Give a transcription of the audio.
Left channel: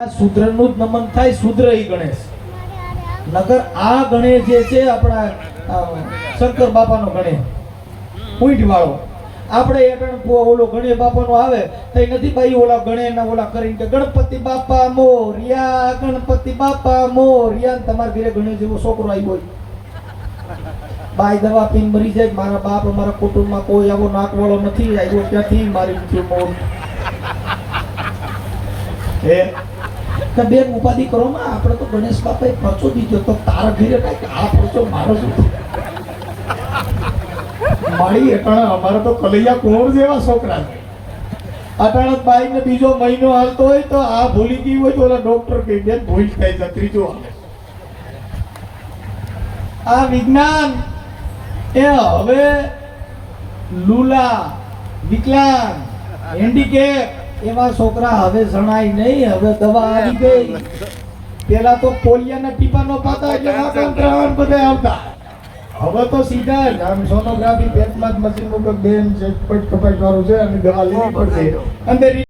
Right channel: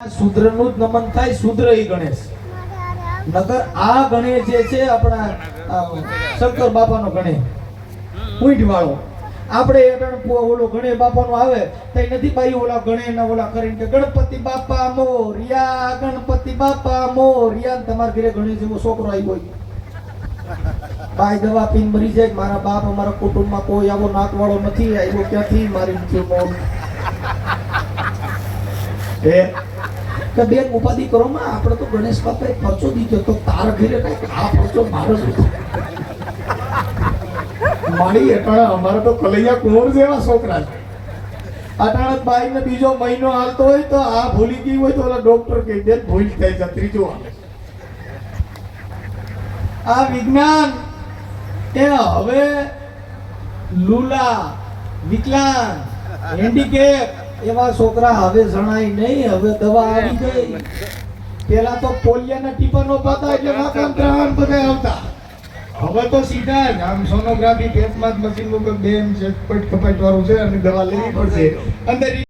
શૂદ્રનું જ નમન થાય, શૂદ્ર ઈ ગણેશ. નગર આ ગણેશ જે છે આપણા શંકર બાપાનો ગણેશ પૂંઠ વાળો. આપણે એટણ ઓલો ગણેશ બાપાનો આવે તો નથી ભાઈ ઓલા ગણેશના ઓલા કરીને કે ગણપતિ બાપા મોરિયા, ગણપતિ બાપા મોરિયા. તમારા ઘરે ગણેશ જેવો છોકરો આવ્યો બાઈ દવા પીને મરી જાય. મારા બાપ અમારા કુટુંબમાં કોઈ આવો નાકવાળો નથી આવ્યો, ક્યાંથી મારી નથી મોર એ બેન ઉપાધિ કરો માં. આપણે તો ગણેશ બાપાએ ખર્ચો દીધો તો તાર ઘરે કાંઈક આ ખર્ચો મારો જ મારી અટાણે. અમારે તો કલૈયા કુંવર જેવા છોકરા છે. અટાણે બાઈ ને બીજો મહિનો હાલતો હોય તો આ ભૂલી ગઈ હોય તો ઓલા ડોક્ટર કહી દે ભૂલ થાય છે, ત્રીજો આવે. આ વિજ્ઞાન એ હવે લુલા, વિકલાંગ, હેન્ડીકેપ એવા છોકરા હવે જણાય નહીં. હવે દવા આવી ગઈ. પેલા તો પોલિયાના ટીપા નો પાતા એટલે વાકમ ત્રણ બધા આવતા. હવે તો સીધા જ આમ સોનોગ્રાફી પેટમાં જ મશીન ઉપર બેમ કપાટ વાળું છે અને દવા લેવી પડશે અંદર.